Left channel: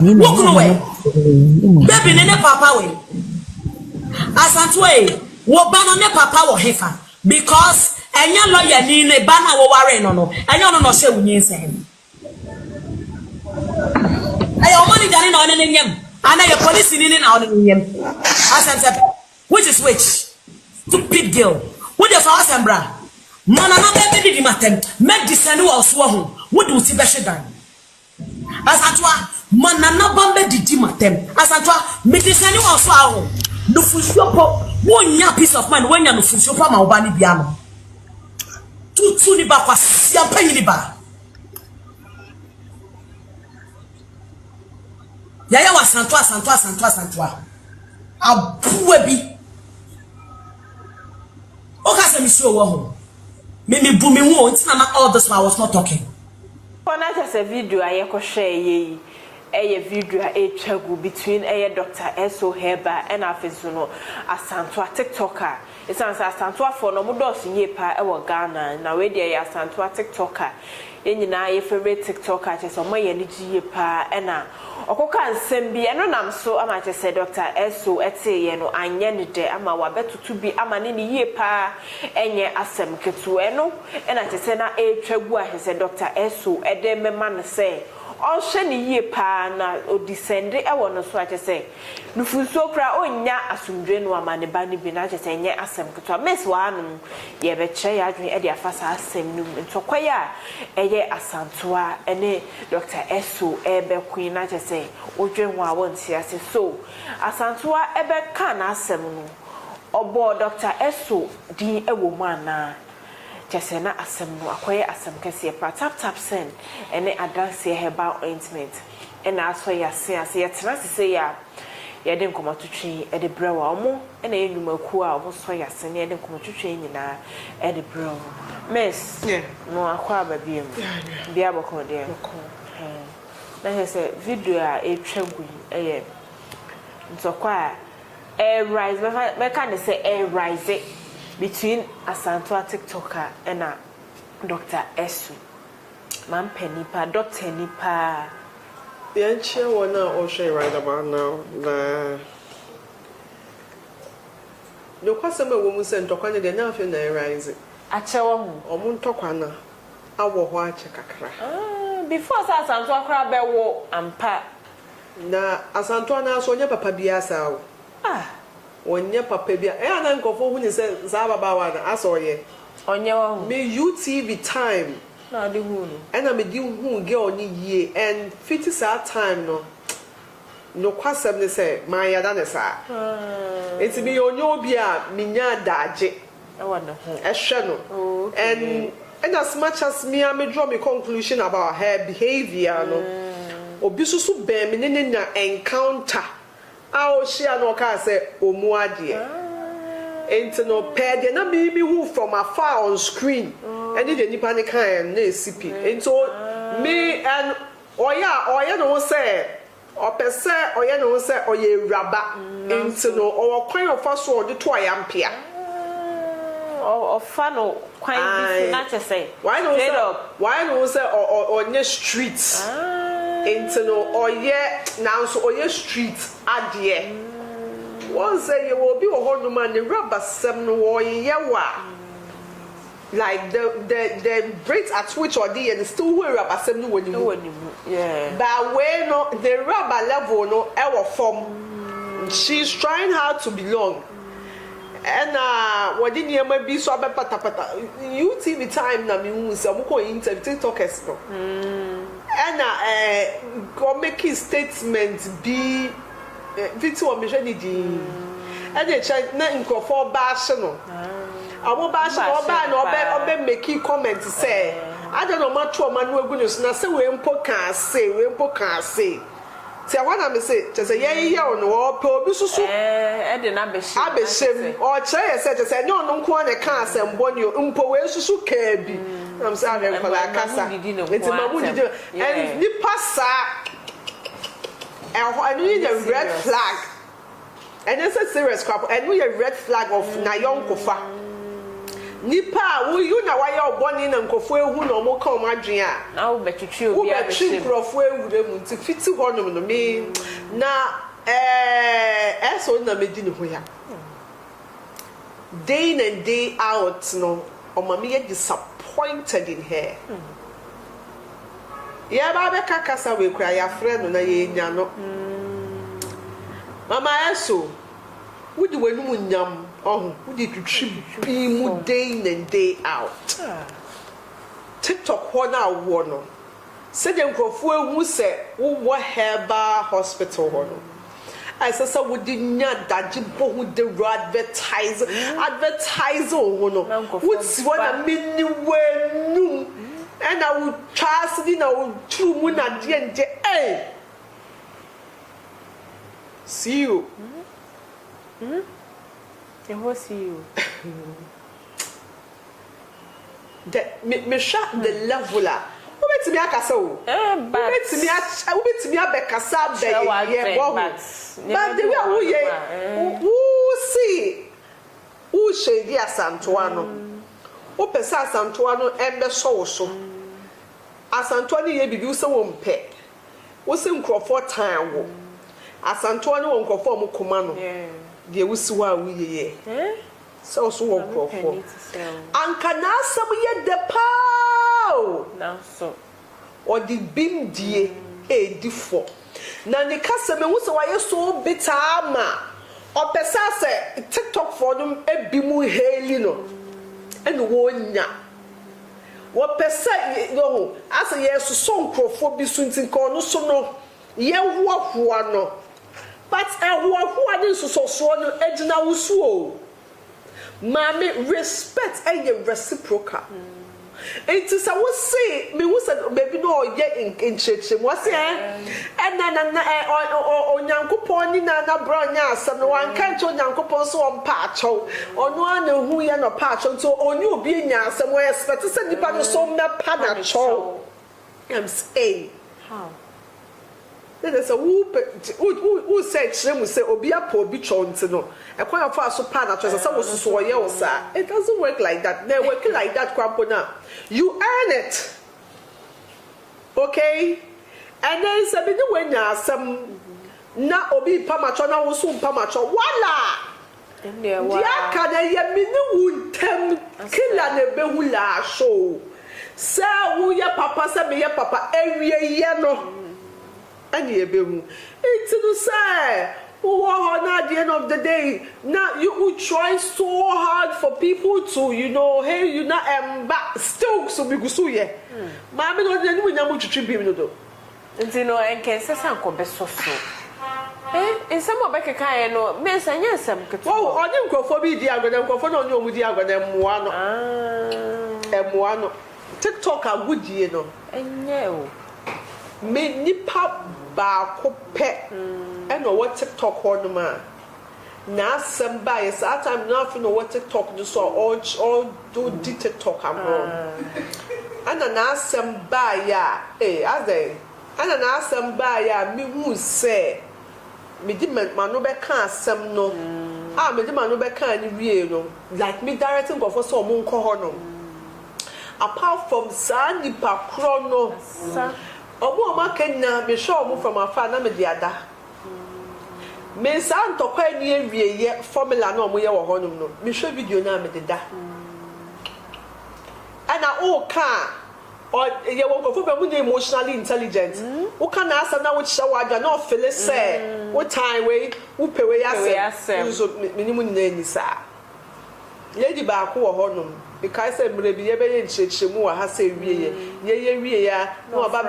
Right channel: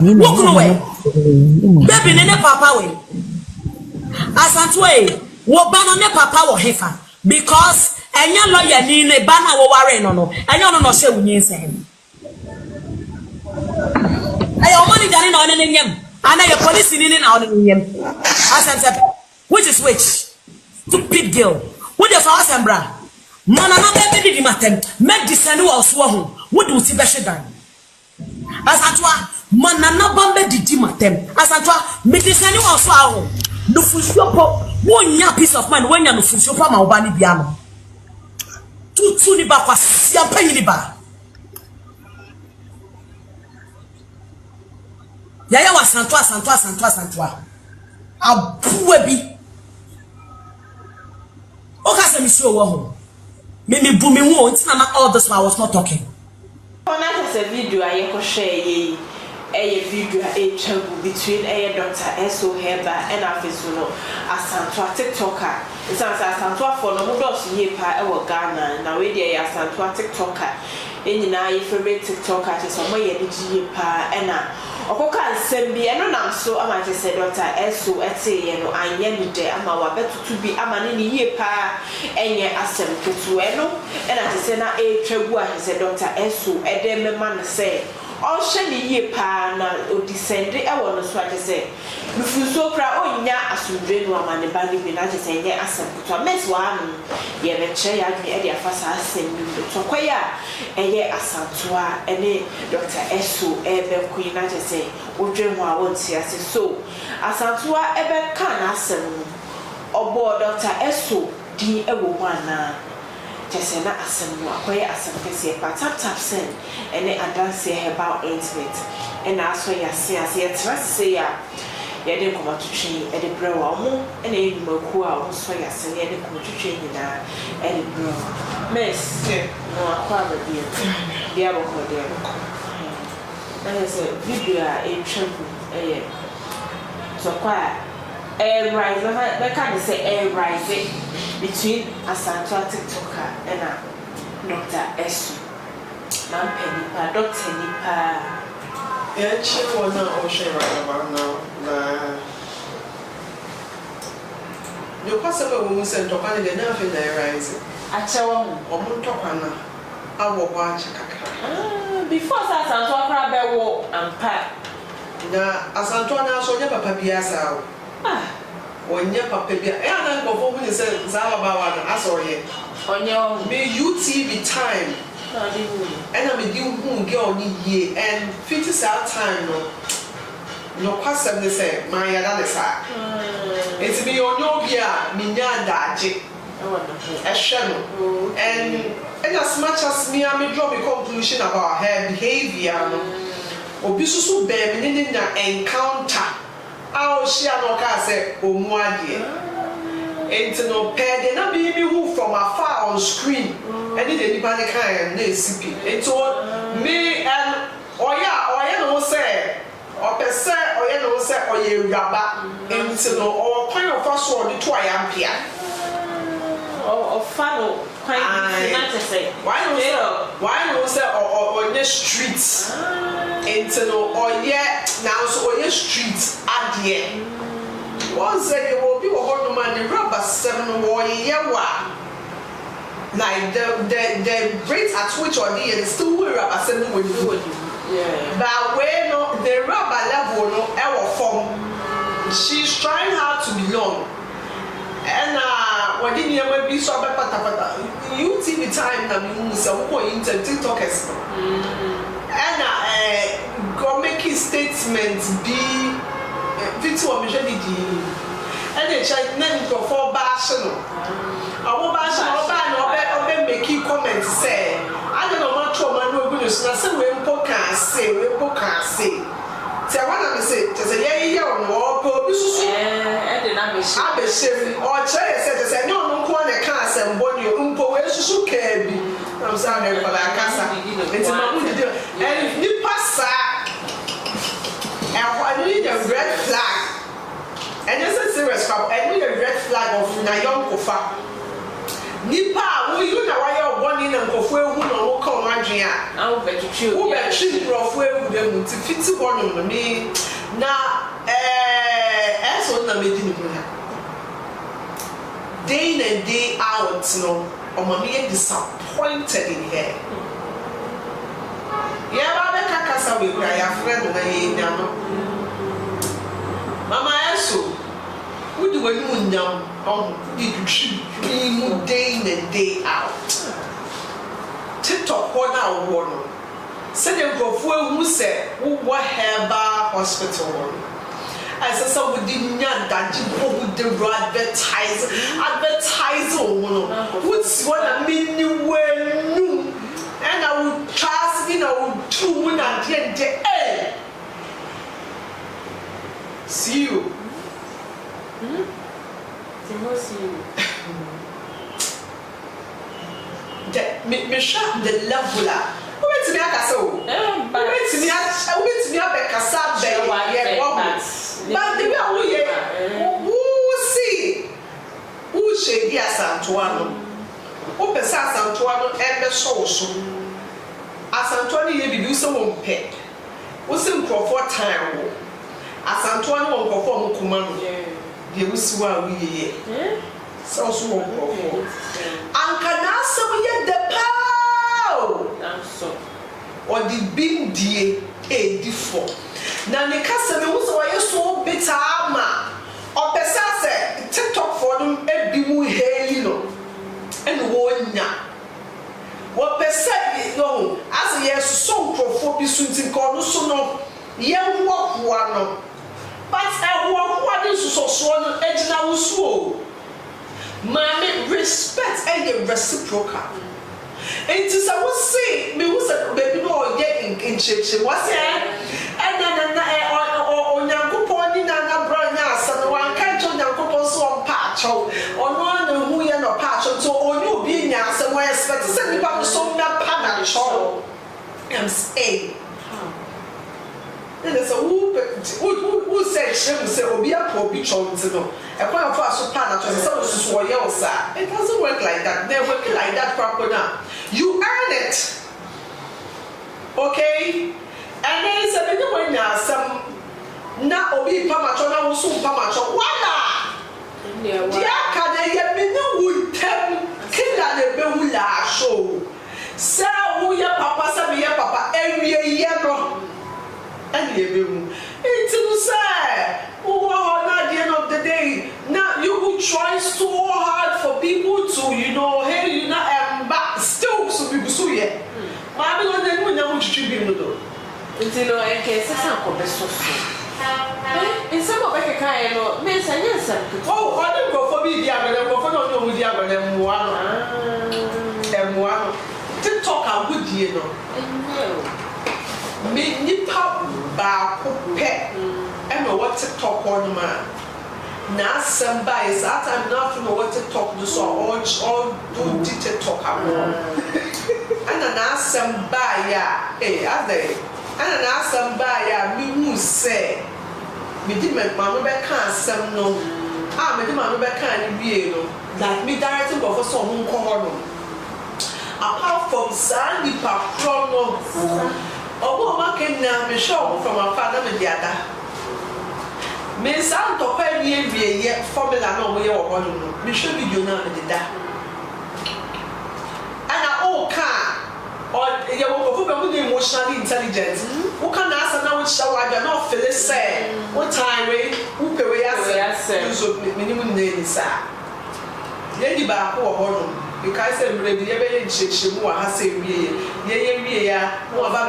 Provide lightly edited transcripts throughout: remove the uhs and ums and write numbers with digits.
Walk away. Baby, ne papa way. Asantewaa, wo ba no ne papa wo hefa because enya lawyer ni ne ba na wo ware no no. Enya no no hye wunyin sen. Ayo money jani na one ne nyam. Ana your police ni na one ne nyam. Asantewaa, which is which? Stupid girl. What the for asambra? Mana na be di matem. Make disani wo so ho. Wo do ti be hyedan. Asantewaa, mana na bambe di matem. Asantewaa, me disani wo so ho. No fusiopo wonya peace of mind when you no fusiopo ma obani bia no tutu ni ba kwasi ampanyi ni ba yaya wa Asantewaa abuwe bi oka se mi si owo ho me bu me hu until na all this while I was not talking on that video I ko share a video a trouble between a Dr. S.O Herbal and Afisuno Asantewaa TikToker. It's Asantewaa for no mudos ye pa e Ghana na we dey Asantewaa TikToker. Yen na your favorite TikToker just some ye ni pa na okoka nsem bi eno nam so ama je say Dr. S.O ete ye no anye ni de ama wa betutu bi ama ne ye pa enye asem ketu eno na je say na e twabu a je say Dr. S.O ede me man say all shani ye pa na odisende e wono so ate se nufuso pra onya asundwe no amane ba ni bi na ate se nye asem kuto mes wa anu ye be che ya dwe e de afasa asem ni to kwaya eye Asantewaa ene Dr. S.O e be queen na ate se odwe ho a wonti ase so Asantewaa e be ka na asem no obo Dr. S.O din e wo mu ana Kesena asem no akoye asem kese pa tap send ene Asantewaa Herbal intimate ena aso ya se ase yetra se ya yede komotutwi ede brewa mu ena enumaku a wo so ya se yede komotutwi nyina ede brewa mes no akwa abadie bia boko de na se video a etwagu so kwa rise na kan say rise between Asantewaa TikToker and Dr. S.O. Man penny pa Dr. Nipa. Yeah, she wanna also right about now. The possible woman said Tokana de nothing rise. Achawa Omun Tokana. I will watch kakra. Before Asantewaa crab walk and pat. Na Asantewaa now so never papiasa. Onye papa bia e ana nkofo hu ni se zaba bawa na asoye onye me UTV time na dey hu ana me di hu girl ni ye and 50 that time no kwasem ni se ma ya da ne sa it's be onyo bia me nya daje e hwe no and as much as me I draw my conclusion about her behavior no obi susu be me ni na encounter I'll share no car say Omuadie. Ain't no pair de na me who from afar on screen. And did anybody kind na CP. It told me and oya no say or per se oya no say oye raba. Ain't no or kind of first one the 2 ampere. Or funnel quite not to say. Why no say or near streets. Into no or yet now so or your streets adie. One say you will be a whole man the rubber 7 or yawa. Like the rate at which or the and still wear rubber 7 will do. Yeah. But when no the rubber level no ever form. She's trying hard to belong. And what did you be so pata UTV time na me say we go into TikTokers. And go make his statements be video me je di and e check na nkofo bash no awo bash no ba make comment say I don't know much man no go so na say we mpo kan say ti awana me say je say ye on wo pe obi susu and na be shame or say no nko na kan asem boni mpo we susu ka bi I'm saying for la casa it's no good do and you pass and what need a red flag and this is serious crap and we a red flag of na young kofa nipa wo you na why oboni na nkofo ehu na wo ka omadwen a na wo betwetwe obi wo betwe nkofo ehu dem nti fiti honom no me na eso na medi ni huna day in and day out no omami disappointed in her ya ba be kakasa we kura ya friend na ye nya no mama eso wudi wani munyam di twitwi day in and day out TikTok na wo no se de nkofo ehu se wo Herbal hospital one as so wudi nya daji bo wudi advertise wo no wudi wana mini wenu and I would trust you know two mun na de see you see you me shot the level up wait me akasa o wait me abekasa be ye but the way who see who shady Asantewaa no who pesa Asantewaa no ebe so Asantewaa no ye bibi so wo mpe wo se nkrofo time wo Asantewaa no wo nkrofo mo kuma no de wo si wa wo ye so wo nkrofo anka na asem ye de pao or the bim die edifo na ni kasa me wo se wa ye so bitama o pesa se TikTok for them edimu heli no ene wonya wo pesa no as ye so nkrofo bi so ntin ko no so no ye hoahoa no but hoahoa ni so no ejina wo so mama respect and the reciprocal it is I will say me was baby no get in church was and onyankopon ni na bro nya asem no wan kan to onyankopon so on pacho ono na hu ye no pacho so onyu obi nya asem we expect say nipa no so me pa na cho am say there's a who said she say obi apo obi cho ntino e kwa fa so pa na cho say so wo ye wo sa it doesn't work like that they work like that crap now you earn it okay and then is a bit when some na obi pa ma cho na wo so pa ma cho wala dia ka de ye mini wutem kila ne be wula show sa wo ye papa sa be ye papa ewie ye no and ye be mu it no say who are at the end of the day now you will try so hard for people to you know hey you not but still so be so ye ma me no na mu twitwi bi mu do until no en ke se san ko be so in some of the kind no me say yes oh oni nkofo bi di agwena nkofo na oni omu di agwena muwa no muwa no TikTok agudie no me nipa ba ko pe e no what TikTok on ma na samba is at time na for no what TikTok no so all do TikTok am ana na samba ya ade ana na samba ya mi hu say me di me ma no be kan asem no me di ma no be kan ni wie no like me directing go for so mo nko ho no apart from sandy pakrono obo ma kenya me show from afar na me di ada me san to kwa wie ye formula no mo ye wo ho no me show video na me di da ana o ka or ye wo ko be mu emotionally intelligent who can answer now which show aga no feel say what time we who pe we ase so minimum na ni sa ye di ba ko ho no because say mre bi ye be ye nchechemu wa ha say wie ya no ba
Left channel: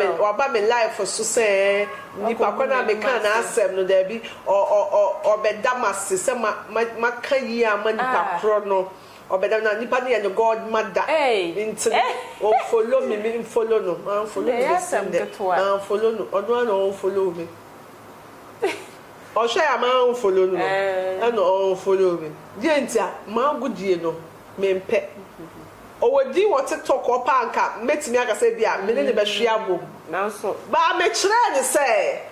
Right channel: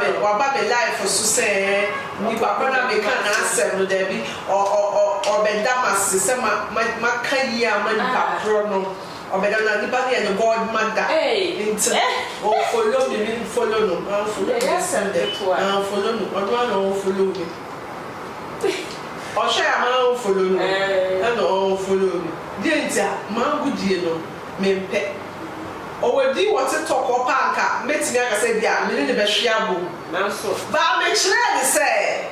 me life so say ni papa na me kan answer no there be or be damas say ma kan yi ama ni papro no obeda na nipa ne no god mother into follow me follow no follow no odo na follow me o sha ya ma follow no e no follow me die ntia ma gudie no me mpe o wedi what talk o panka metimi aka say bia me ne be hwea bo na so ba me kire ne say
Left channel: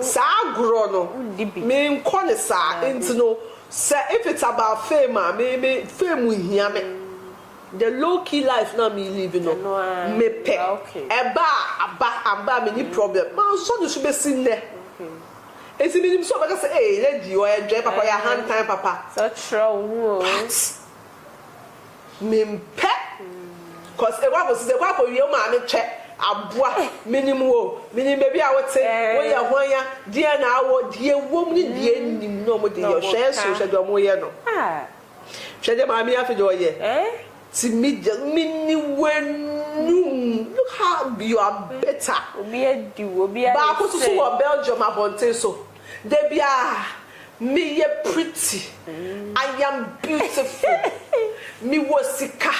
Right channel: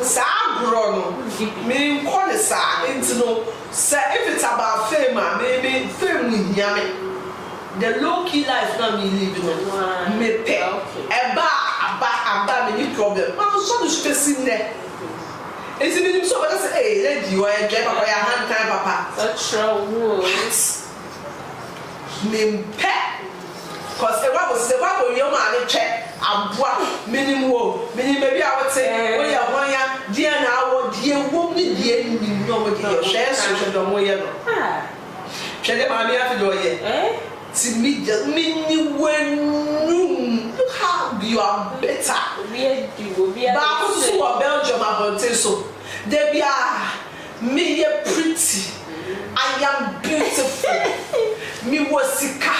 sa agro no me nko ne sa into no say if it's about fame maybe fame with me the low key life na me live no me pe eba aba me ni problem ma so do so be sin there esi me nim so ba say eh lady o e je papa ya hand time papa me pe cause e wa go se ba go ye ma me check aboa menim wo menim be bia wote wo ye honya dia na awo die wo mi die ni no mo die hwe so hwe do mo ye no hwe de ma mi afi do ye ti mi just mini when look how you are better ba ko so wo Belgium abonte so de bia me ye pretty I am beautiful me wo sika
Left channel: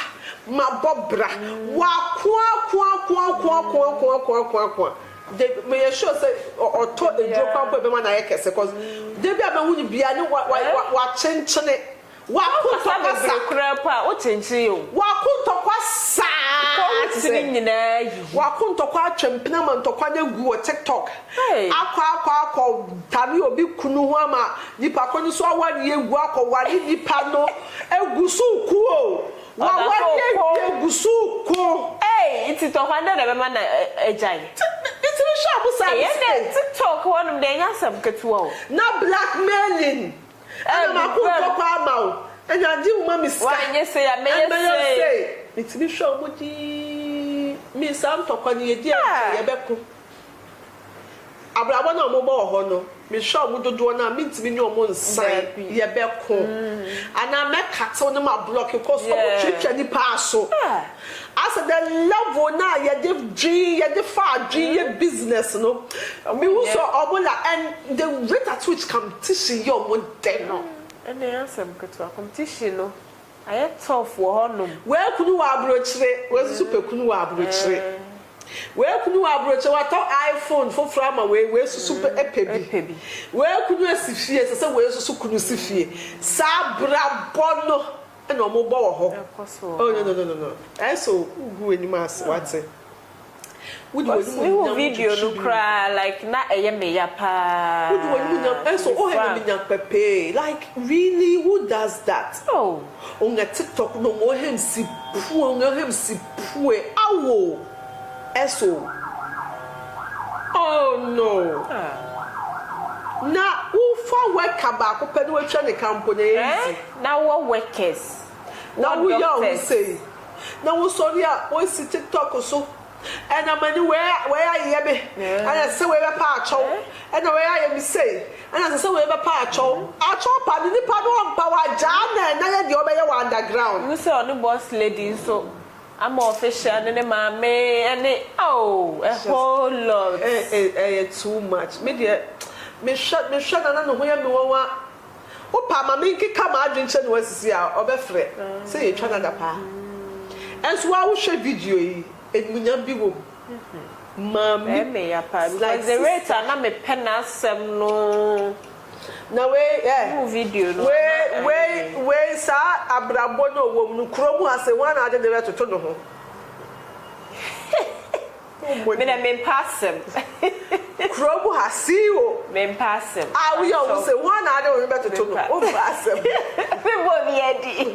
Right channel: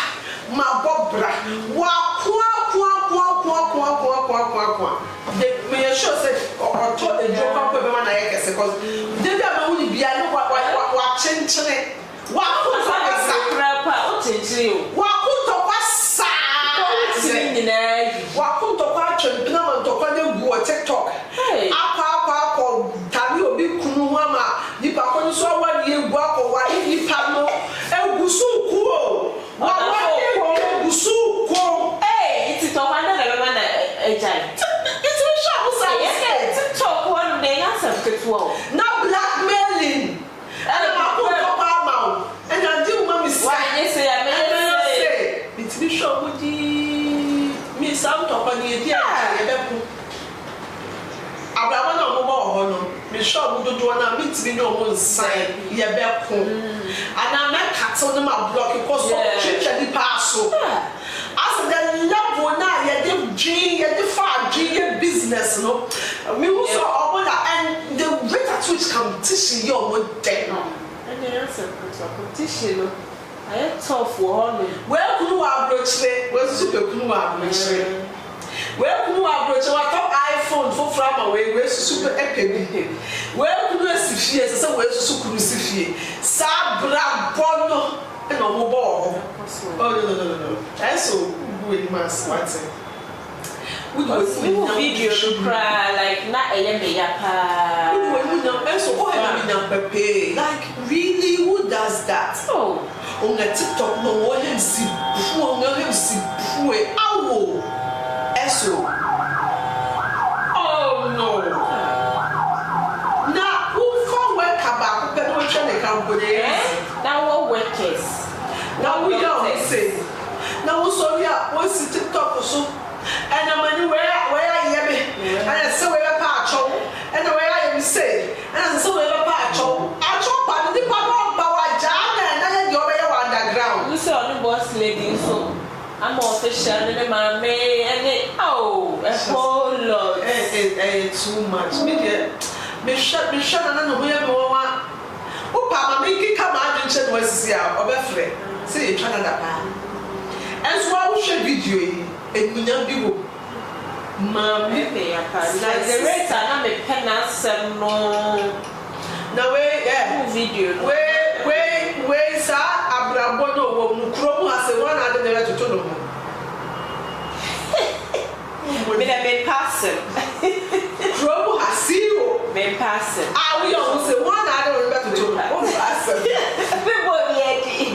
ma bobra wa kwa me sure say or told the joke up be man na yekese cause de bia ma woni bia ne wa chenchene wa ko sa krapa o chenchene yo wa ko to kwa sa wa ko to kwa twempena man to kwa na gu o TikTok akwa tabi obi kunu ama nipa ko so awadi egu akwa nipa no egu su ku o wa egu su ku it's to wonder the man ejai it's me sharp say yes TikTok one dey answer ketuo na blackmailing and na ko to pa ma and na di mama say why you say I say it's me sharp di me sam to pa di e be ku abrabo na mo ho no me sharp dodo na meet me no mo nsan ye be ku ana me kato no ma block ko so chicha ni pa so as the level na ye dey dream ye dey far dream ye business no me who so omola and the rate at which competition you mo den and the answer competition no I tough for no where kunu wa abrochire we super kunu wa abrochire where kunu wa abrochire wa top iPhone for frama we super epebi where kunu asifie se we super kunu sifie sa bra bono and no bo oh no and so we ni mas what we video no cry like na me ya pa and so oh have me pepe like really who does that on the TikTok no wo him si pu awo S.O oh no na who for work about pe no try the company now what workers now we are say now sorry we see TikTok so and I'm anywhere where I am and I say we are patch and where I am say and I say we are patch I chop and the power jana and the other underground we saw the boss lady so I'm official and the mama and a whole lot too much me shut and no where we want Opa make it come out and check what see our obefre say try na pa as well share video emunya biwo mam me ya pa like the rate na me penna sem no na we video we sa abrabo no wo mu kromu ase one ade dey to no mo me na men person kromu hasio men person we almost say one ade we better to no mo person me wo yedi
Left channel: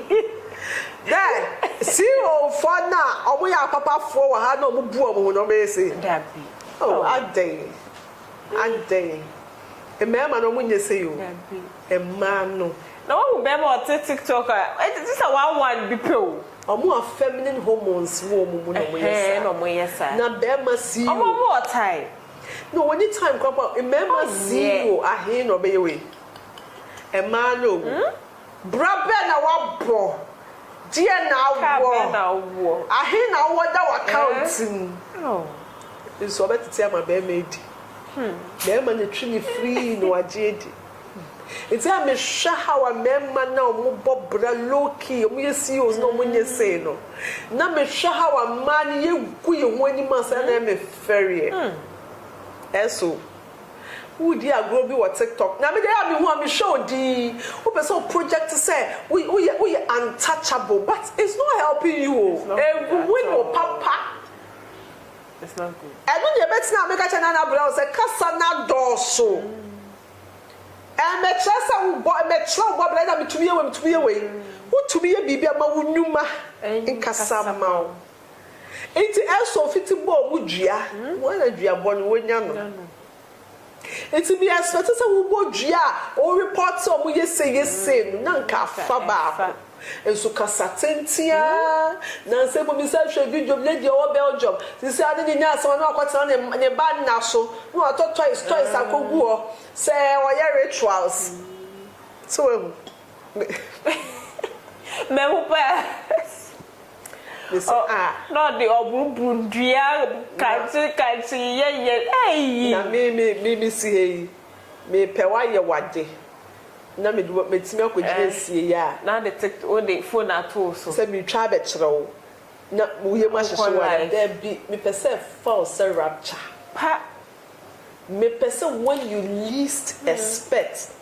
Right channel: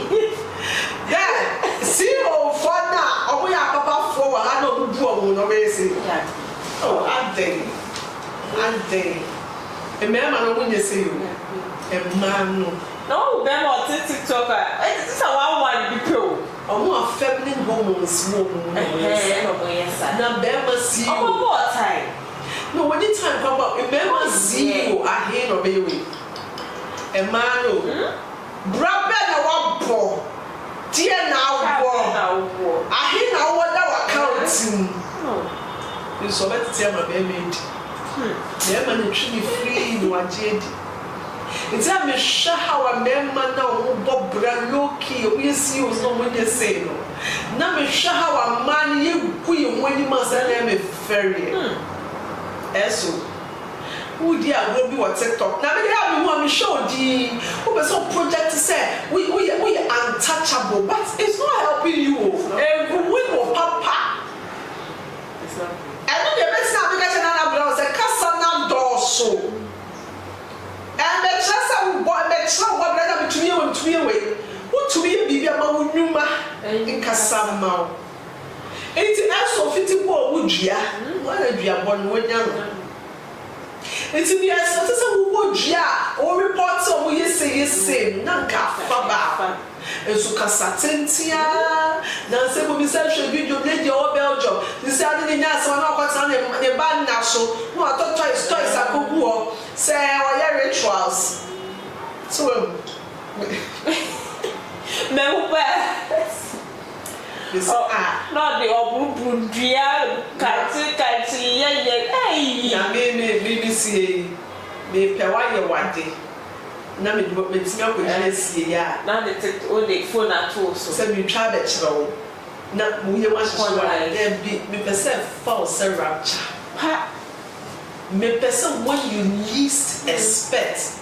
zero for now omo ya papa for wa ha no bu omo no me say oh adey e me ma no munye say yo e ma no no be mo TikTok this is one be pro omo feminine hormones mo no yes na be ma see you omo what time no when the time come up e me ma see you ahe no be we e ma no brabe na wa bo dear now war ahe na wo da account you so better tell my baby me ni twi free no aged it's a me sha how a member na wo bobra loki we see us no when you say no na me sha how a man ye ku ye woni ma sa na me ferry eso who dey go be what TikTok na me dey have me who am show di who be so project say we untouchable but it's not helping you win or papa it's not good and you bet na me ka chana na bra say kasa na doso and me chasa we boy me chasa we brother me tuye we who to be a baby ama wunuma in Casamau. It's also fitting more would ya, one of your one when young. It's me as a would ya, or reports on we say, Nanka Faba. And so Casatentia, Nancy will be sent to video lady or Belgium. This Saturday night, so I'm not what's on the band now. So, no, I thought twice I could go. Say, our rituals. So, not the obu dia kanti hey na me see me pewa ye wade na me do me timi akogye sie ya na the phone at all so say me try be kire wo na wo ye ma hyehyɛ wa there be me person false rapture me person when you least expect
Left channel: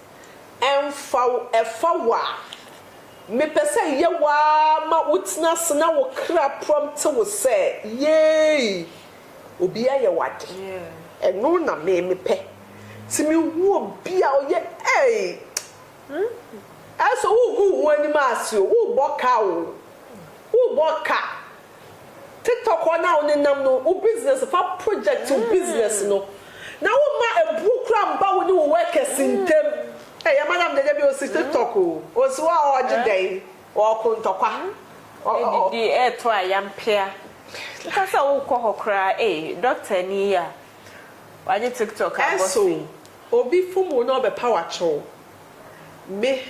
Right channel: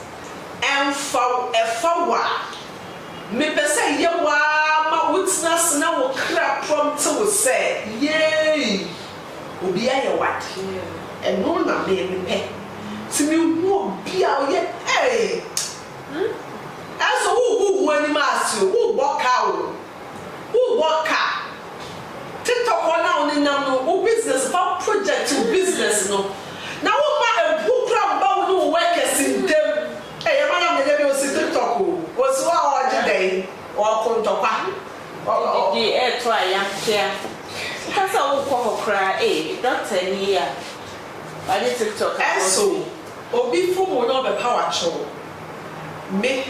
and for a forward me person ye wa ma witness na wo kra prompt wo say yay obi aye what and no na me pe ti me wo bia o ye eh aso who ani maso who boka who boka TikTok na on nam no wo business for project business no na wo ma ebu kra mba wo no work asintem eh ya madam de be o si TikTok o so wa day or contokwa the air to a young chair. Because I won't come cry, eh, doctor here. I need TikTok. So, obi fu mo no be power show. Me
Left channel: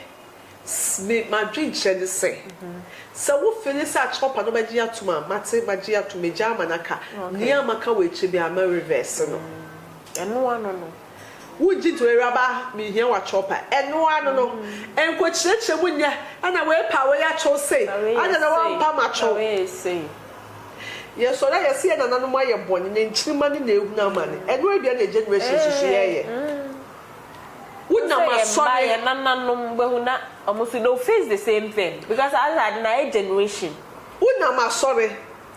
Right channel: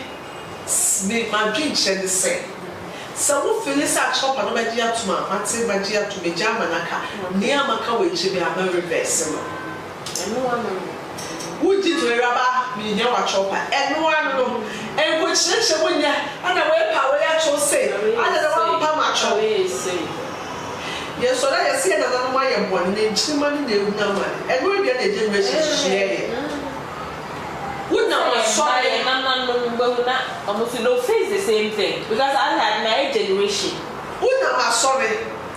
my dream share the same. So wo feel this chop no be dia to ma mate ma dia to me jama naka. Nia maka we chi be am reverse no. And no one Would you to a rubber, me near a chopper, and no one know, and which such a winner, and a way power at your say, I don't know how much say. Yes, so I see another way of one in 2 money, no money, and we're getting a generation to share. Would not sorry, and I'm almost no face the same thing because I had my generation. Would not sorry.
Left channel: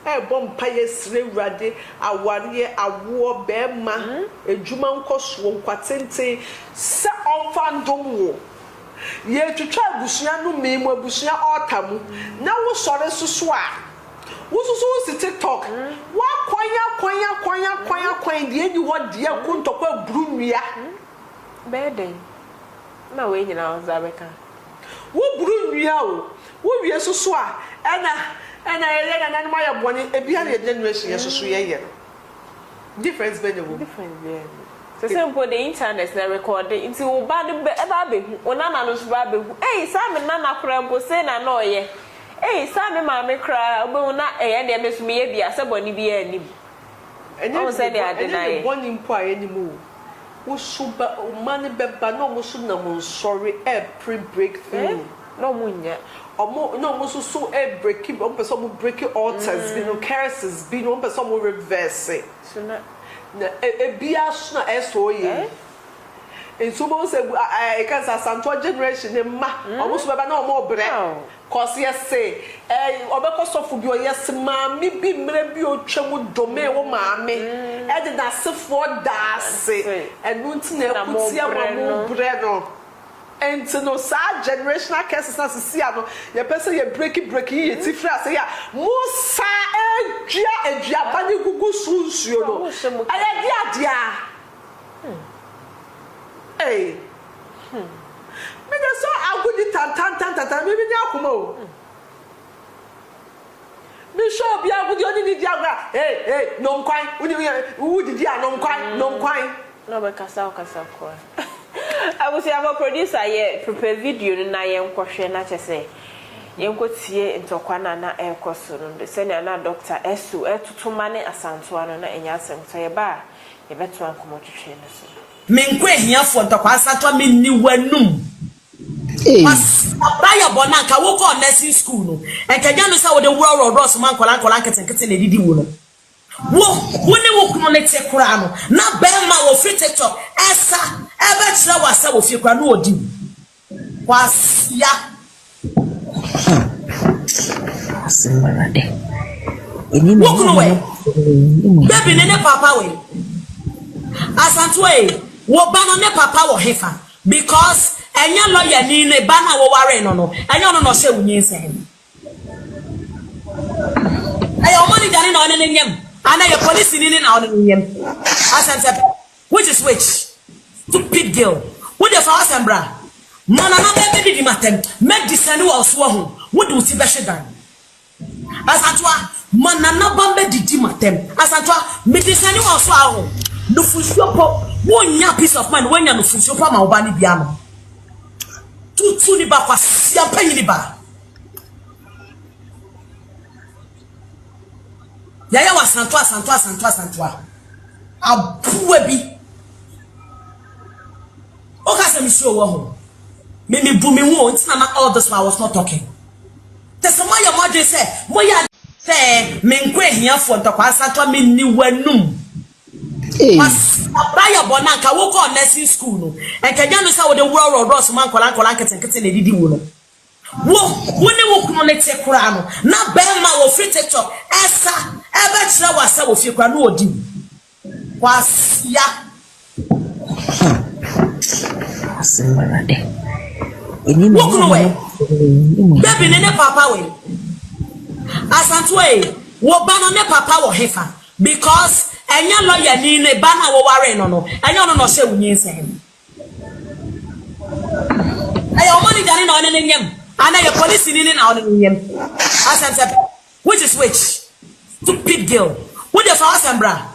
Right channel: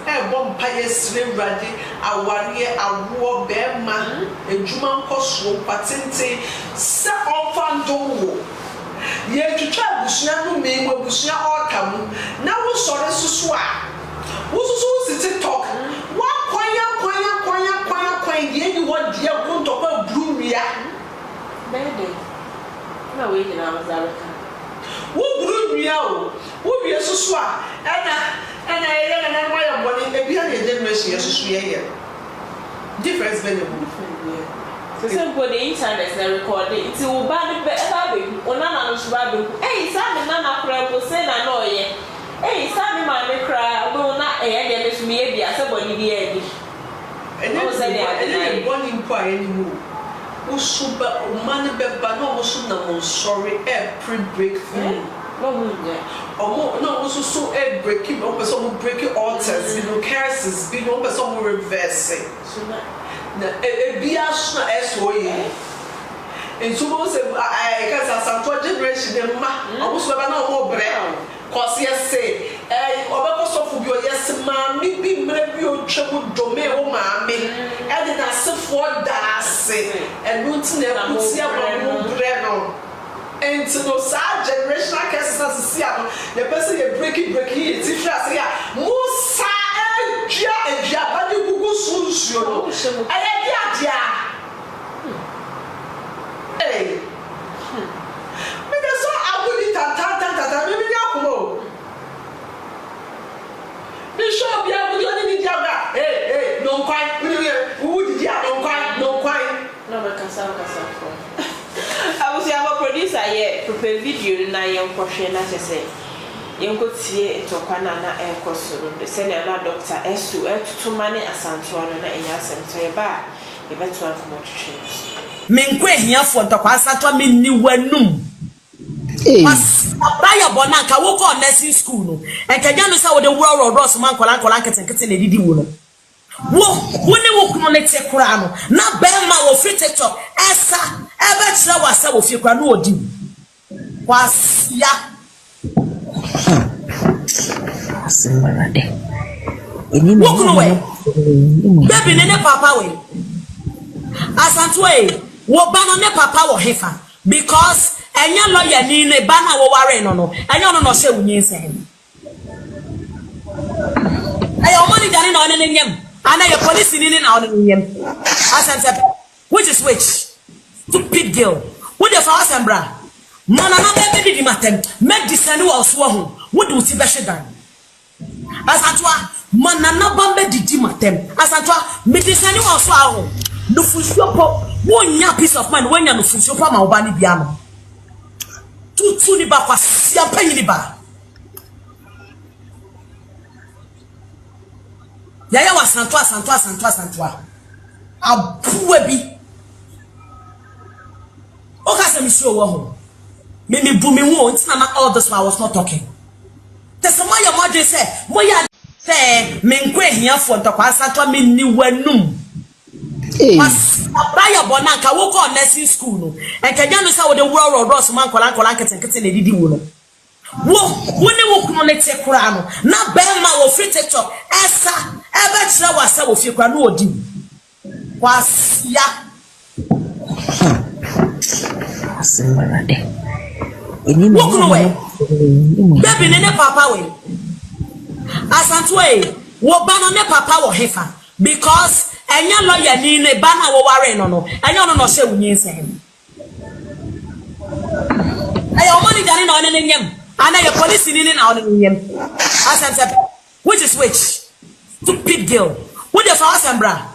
Vampire slave ready, a warrior, a war bear man, a Juman costume, patente, set on Fandomo. Yet to try Busiano me, where Busia autumn. Now we saw this to swap. Who's so TikTok? What quiet, the anyone dear won't talk about Brumia. Baby, no way in our America. Who Brumia? Who be a so swap? And I am one in a generation as we difference been different. So simple the internet they record it until bad baby on another baby. Hey, Sammy Nana Crab say na no ye. Hey, Sammy Mammy cry, will not a miss me as somebody the and then say they are one inquiry anymore. Oh, super money, but no, sorry, a pre breakthrough. No moon yet. Or no, also so a breaking up some breaking altars, you know, curses, being up some reversing. A bias S.O. And so most I guess Asantewaa generation, almost no more bread. Cause yes, say, of your yes, mammy, be maybe your trouble domain, oh, mammy, and then I said for das, and wouldn't never see our bread on. And to no sad generational cases as a Siano, the person you breaking, it's different. Musa and Japani Gugu Sunsio. I hey. Maybe so I will be tata, maybe Yakumo. Be sure be able to do the hey, no quite, who did ya, no quite. No, I can sound I was a producer here, prepare video na ye nkwohwe na chese. Ye nkotie etokwana na ekosoro. The senior na Dr. S.O etutuma ne Asantewaa no na enya asento ye ba ye beto akomotwe. Menkwe hiafo ntokwa Asantewaa menni wanum. Abaya bonanka wo ko nursing school no. Enkanya no sa wo de wuro ross man kola nketenkete na didi wo no. Wo ne wo kuno ne te kura no. Na be ma wo free TikTok esa ebe tira wasa wo fie kura no odi. Wasia. Asimbarade. Wo kuno we. Baby ne papa we. Asantewaa wo ba no ne papa wo hefa. because enya lawyer ni ne ba na wo ware no enya no se wunyin sen ayo money dani na one nyem ana ye police ni na one nyem Asantewaa which is which stupid girl what the for Asambra mana na be di matem make disani wa so ho wo de uti be hwedan Asantewaa mana na ba be di matem Asantewaa me disani wa so ho no fusuopo wonya peace of mind wonya no fusuopo ma oba ni bia no tutu ni ba kwasi ampanyi ni ba yaya wa Asantewaa abuwe bi oka se mi so wo ho me bu me hu until na all this while I was not talking the some your mother say moya say me nkwe hiafo ntokwa Asantewaa me ni wanum Baya bonanka wo ko nursing school no enkaja no say wo de wuro ross man kola keten na didi wo no wo ne wo kuno ne te kura no na be ma wo free TikTok esa ebe kire wa sa wo fi kura no odi kwasia Asimbarade. Wo kuno we baby ne papa we Asantewaa wo ba no ne papa wo hefa because enya lawyer ni ne ba na wo ware no enya no se wunyin sen ayo money dani na one nyem ana ye police ni na one nyem Asantewaa which is which stupid girl what the for Asambra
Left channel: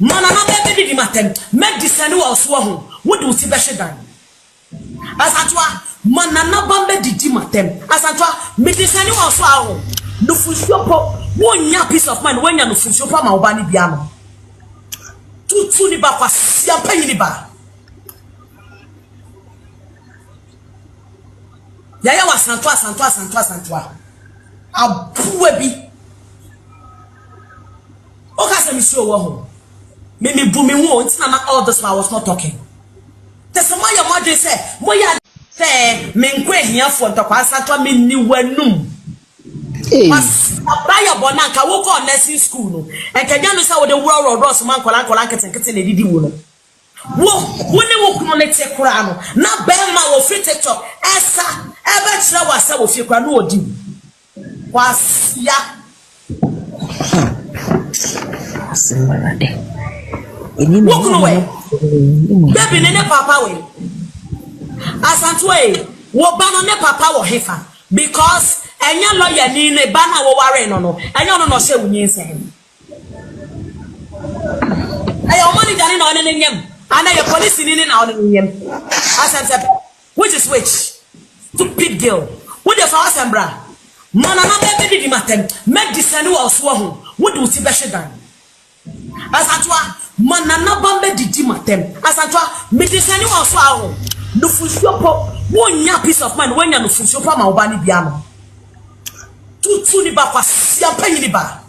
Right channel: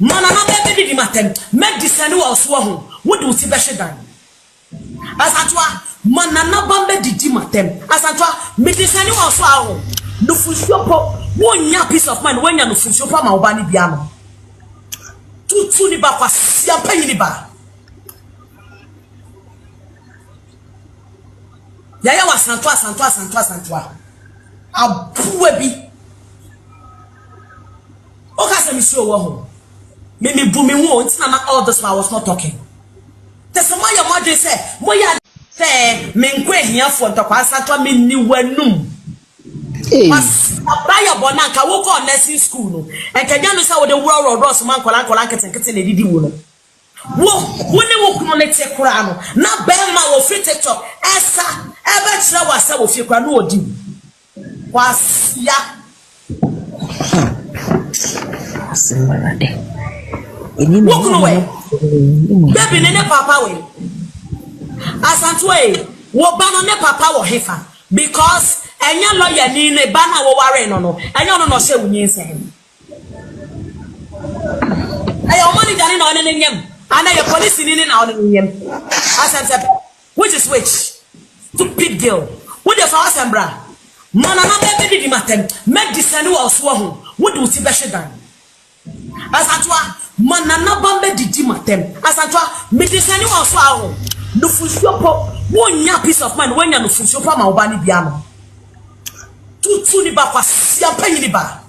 mana na be di matem make disani wa so ho wo de uti be hwedan Asantewaa mana na ba be di matem Asantewaa me disani wa so ho no fusuopo wonya peace of mind wonya no fusuopo ma oba ni bia no tutu ni ba kwasi ampanyi ni ba yaya wa Asantewaa abuwe bi oka se mi so wo ho me bu me hu until na all this while I was not talking the some your mother say moya say me nkwe hiafo ntokwa Asantewaa me ni wanum Baya bonanka wo ko nursing school no enkaja no say wo de wuro ross man kola keten na didi wo no wo ne wo kuno ne te kura no na be ma wo free TikTok esa ebe kire wa sa wo fi kura no odi kwasia Asimbarade. Wo kuno we baby ne papa we Asantewaa wo ba no ne papa wo hefa because enya lawyer ni ne ba na wo ware no enya no se wunyin sen ayo money dani na one nyem ana ye police ni na one nyem Asantewaa which is which stupid girl what the for Asambra mana na be di matem make disani wa so ho wo de uti be hwedan Asantewaa mana na ba be di matem Asantewaa me disani wa so ho no fusuopo wonya peace of mind wonya no fusuopo ma oba ni bia no tutu ni ba kwasi ampanyi ni ba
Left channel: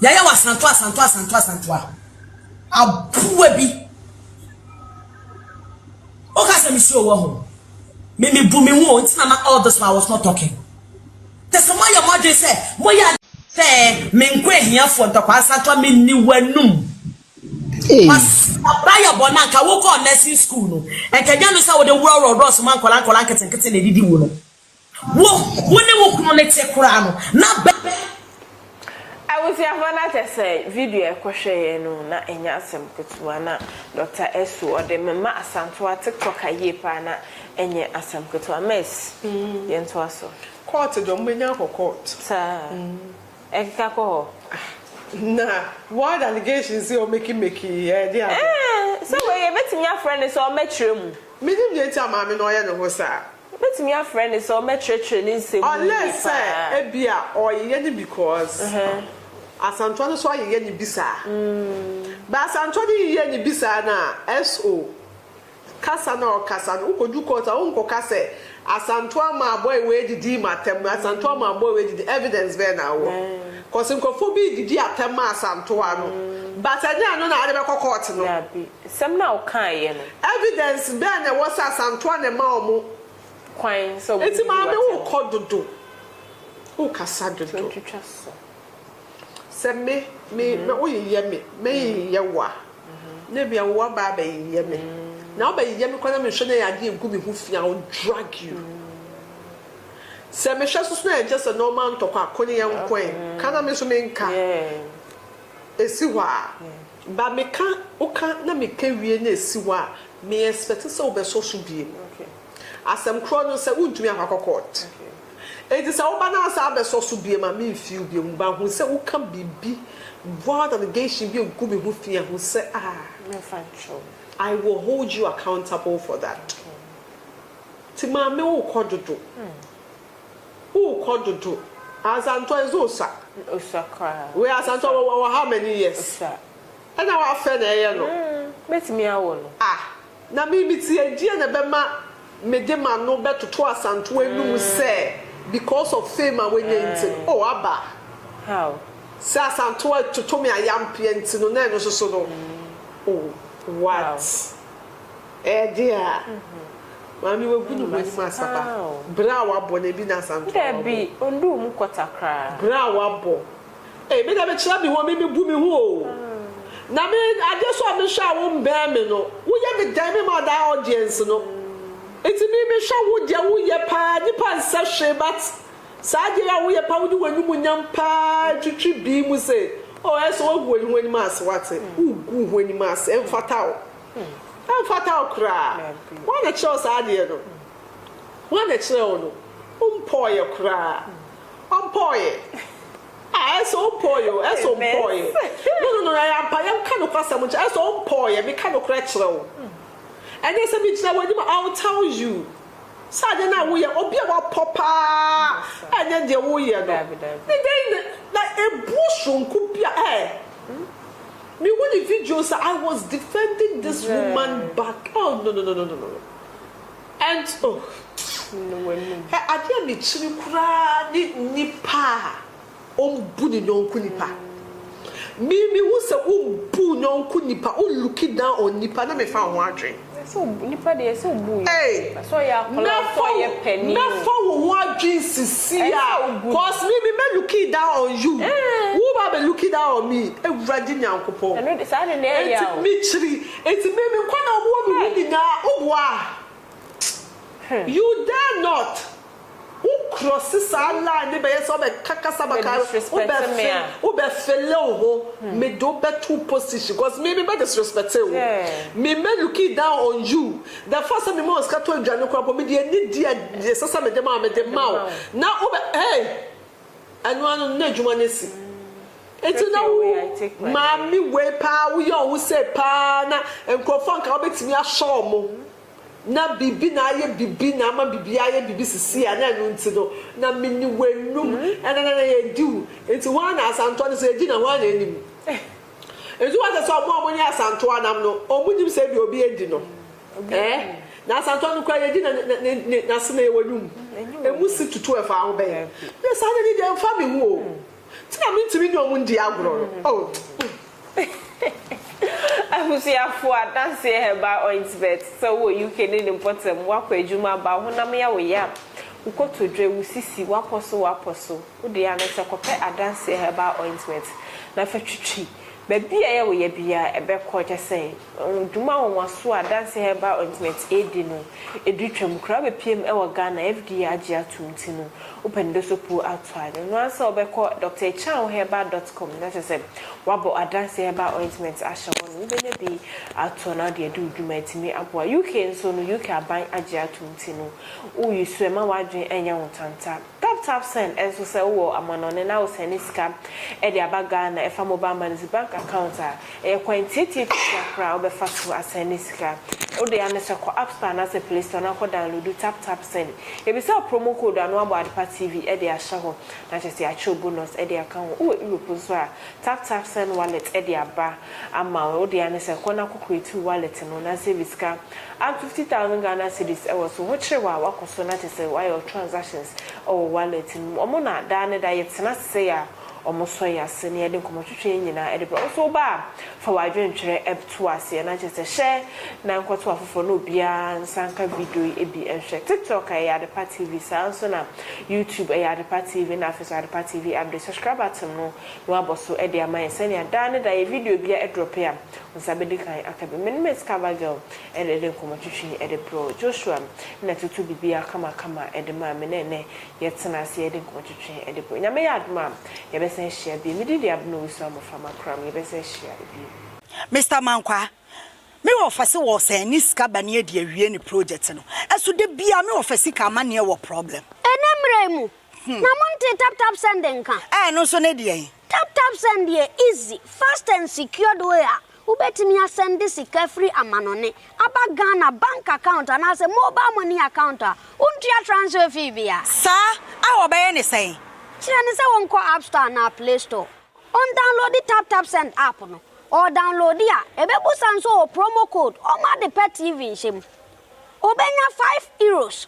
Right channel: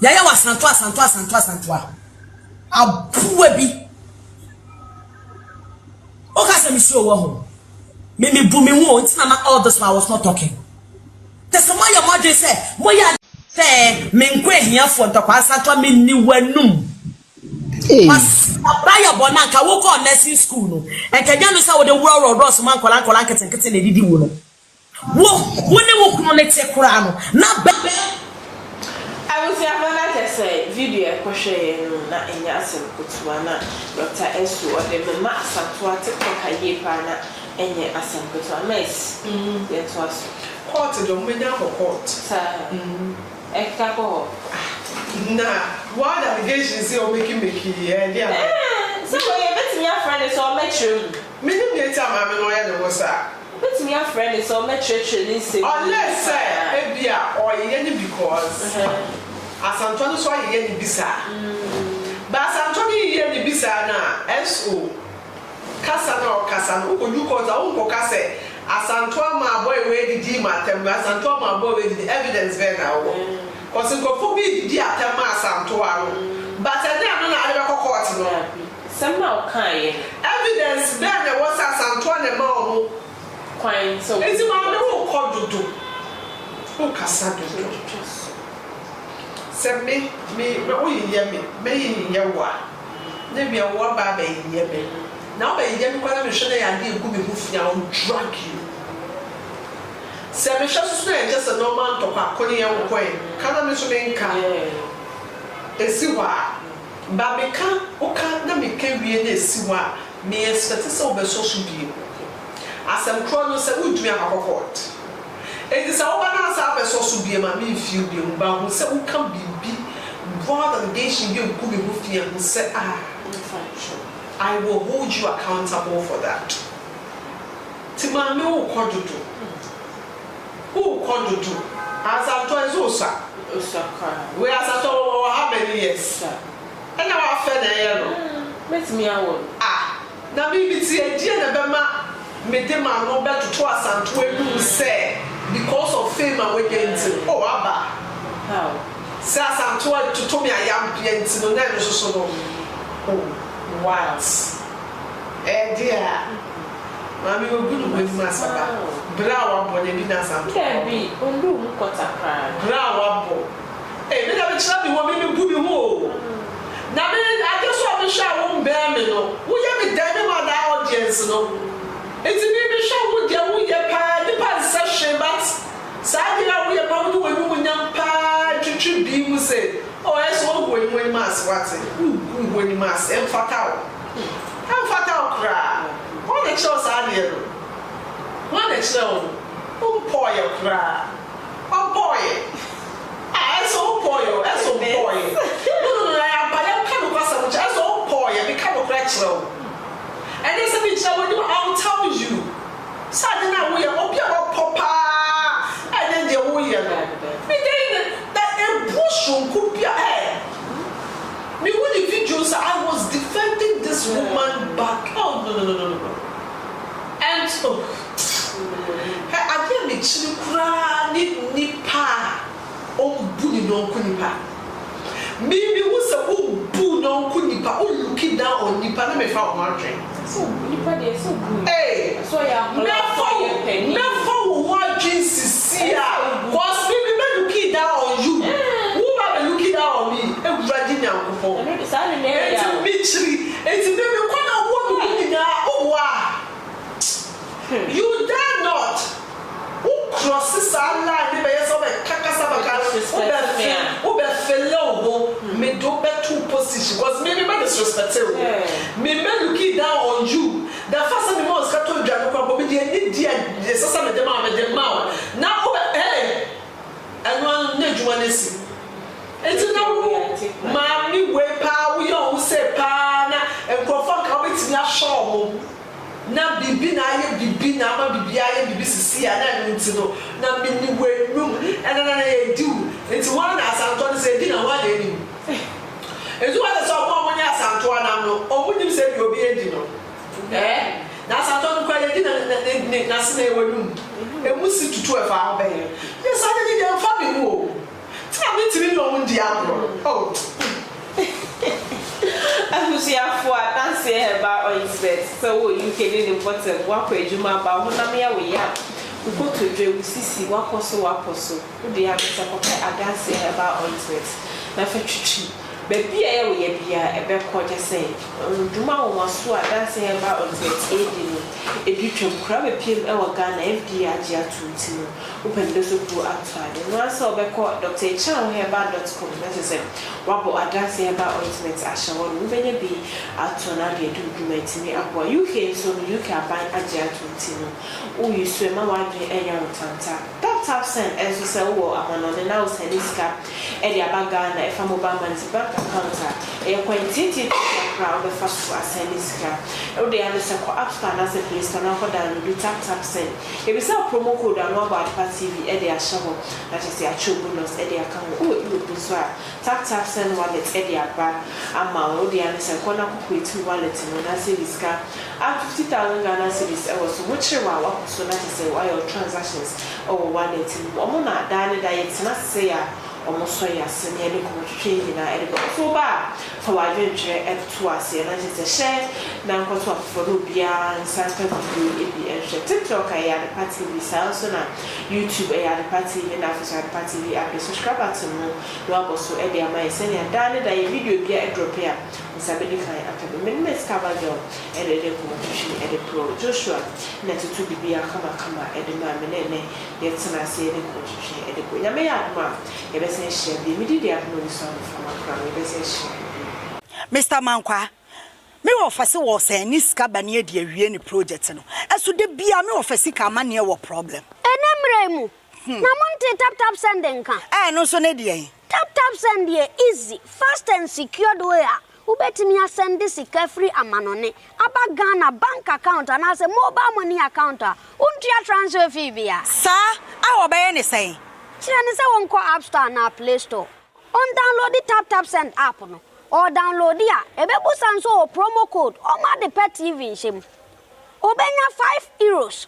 yaya wa Asantewaa abuwe bi oka se mi so wo ho me bu me hu until na all this while I was not talking the some your mother say moya say me nkwe hiafo ntokwa Asantewaa me ni wanum Baya bonanka wo ko nursing school no enkaja no say wo de wuro ross man kola keten na didi wo no wo ne wo kuno ne te kura no na be I was here when I say video kwhwe no na enya asem kutuwa na Dr. S.O the ma Asantewaa TikTok aye pa na enye asem kutuwa mess yento aso court do menya court sa eka ko nah, what allegations you making yeah. So you bet me a friend is all metrum. Me didn't tell my lawyer the was that. Bet me a friend is all metrically say. Unless say ebia or yenny because Asantewaa so yenny bisa. But Asantewaa yenny bisa na S.O kasa na kasa no ko ju ko ta unko kase Asantewaa ma boy we didi matem Asantewaa ma boy we didi evidence be na wo. Cause nkofo bi didi atema Asantewaa no but anya no na ade be court no some now kan evidence be na wo Asantewaa na ma omo kwan so enti ma be wo kododo o kasa dodo se me o ye me ye wa na bia wo ba ba ye me na ba ye me kwana me hwe na ya de egu me hu fia on drag you se me hwe so na just a normal talk akoni en kwen kana me so me nka esi wa ba me ka o ka na me ka wie na esi wa me expect se o be so so bi asem kro no se wudumi akokot enti se wo ba na asa be so so bi ma me feel bi mu ba hu se wo ka bibi brother the day she be gu me hu fia hu se I will hold you accountable for that. Timame wo kododo. Wo kododo. Asantewaa is osa. Osaka. We Asantewaa how many years? And now I fed there no. Met me awon. Na me ti edie na be ma me de ma no beto to Asantewaa nu say because of fame and when you aba. How? Sa Asantewaa to me ayam pienti no na no so no. Oh. What? Dear, Mammy will be with Master. Brow body be Nasa. There be on room quarter cry. Brow bo. Eh, we never tell me what me put me woe. Now, I guess what me shall won't bear me no. We have a diamond on our audience no. It's a baby show with your woo your pa, the pan session, but Sadia we about the way we would young pa, to be say. Oh, that's all going when mass what's it? When mass and fatal. And fatal cry. One the chills are dear. One the chill. Poor your cry. Poor. I so poor you. I so poor. No, I am kind of person which I so poor you. Become a cratchel. And there's a bit I'll tell you. Suddenly now we are up here, papa. And then the way that a bush could be a me when the videos I was defending this woman back. Oh no. And I can't be children nipa buni no kunipa. Me who's a boo no kunipa looking down on nipa na me found one drink. So nipa dey so good. Hey, so ya never watching Cecilia. Cause me looking down on you. Who are looking down on me? Everybody now go. I know the sound in there. It's me. It's me. Kwana wo me na owa. You dare not. Who crosses our line? Me be so be kakasa baka. Who be fellow me do be two position. Cause me disrespect you. Me looking down on you. The first time me was kato djano kwa me dey dia sasa me dem ma. Now hey. Anu na djuma nesi. Enti na wo mami we pa wo yo wo say pa na enkrofo ka obetimi ahwo mo. Na bibi na aye bibi na ma bibi aye bibi sisi ya na nti no na mini wenum na ye do enti one na Asantewaa say di na one eni enti what the so mo nya Asantewaa na no omunim say bi obi edi no na Asantewaa kwa ye di na se na wenum emusi tutu e fa ho be ye sa de dey fa mi wo ti na mi tiri no mu ndi agro oh Ahusiafo Asantewaa Herbal ointment so you can do the bottom work ejuma ba honam ya we ya ukoto dwe usisi wakoso wo de ya mesa kope Asantewaa Herbal ointment na fa twitwi baby ya we ya bia ebe ko je say duma wo maso Asantewaa Herbal ointment edi no edutwam kra be piem e wo Ghana FDA age atunti no upendo so pu atwade no asa obekọ drchanherbal.com na say wabo Asantewaa Herbal ointment ahye wo bele bi atona de dundumatimi abo UK so no UK aban age atunti no wo yusu ema wadwe enya wotanta tap send enso se wo amanone na wo seniska e de abaga na e fa mobile money bank account e kwentiti kra wo be fa so aseniska o de ane se ko app store na se Play Store na ko download tap send e bi sa promo code anu abo TV e de ahye ho na say a bonus e de account o ibo so a tap send wallet e de aba ama o de ane se ko na ko create wallet no na se liska at 50,000 Ghana cedis e wo so much wa so na say why your transactions or wallet omo na da ne da yet na say ya omo so ya se ne de ko twetwe nyina e de so ba for wa dwentwe e to ase na say share na nko to afo no bia sanka video e bi e share TikTok ya de party bi so na YouTube ya de party bi na afisa de party bi abde subscribe to no no aboso e de amai se ne da ne da video bia e drop ya Sabedi kan akabe men me skaba girl and the competition at the pro Joshua na to be a kama at the man ne yet na see the competition at the go nyame ya ma ye be sen share bi me did no so from akra me be sen share Mr. Mankwa me offer was any skaba near the awie ni project no eso de bia me offer sika ma ne wo problem enemremu na monte tap sending kan no so ne de tap send here easy fast and secured way ubetimi asend sika free amanone aba Ghana bank account and as a mobile money account untia transfer fee bia sa awo be ne say kire ne say wonko app store na play store on download the tap send app no or download dia ebebu sanso promo code o ma de pet TV shim obenya €5,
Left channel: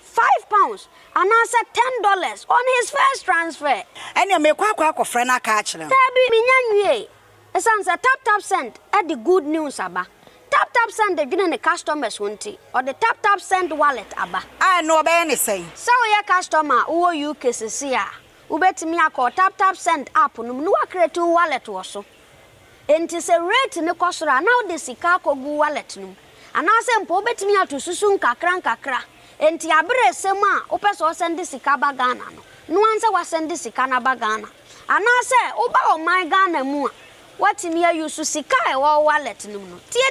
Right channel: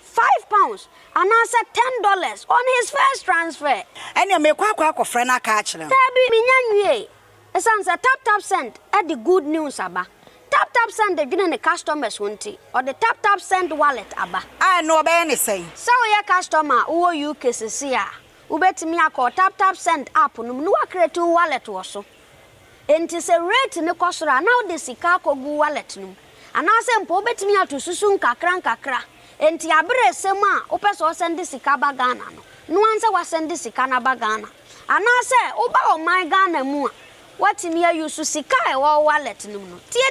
£5 and answer $10 on his first transfer. Enya me kwa friend aka akire. Tabi minyanwie. Esanse tap send at the good news aba. Tap send the gine customers wonti or the tap send wallet aba. No obey ne say. So your customer wo UK sisi a. Ubetimi akọ tap send app no no create wallet wo so. Enti se rate ne kosora now the sika kogu wallet no. Anase mpo betimi atosusu nkakra enti abere sem a opeso send sika ba Ghana no anse wa send sika na ba Ghana anase oba o my Ghana mu a watimi ayusu sika e wo wallet no tie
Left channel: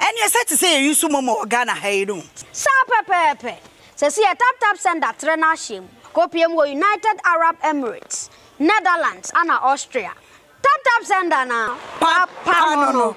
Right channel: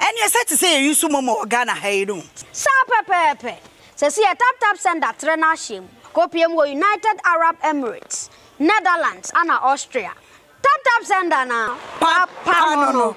eni set say yusu momo Ghana hayru sa pepepe se si tap send atre na hiem kopiem wo United Arab Emirates Netherlands ana Austria tap send na papa no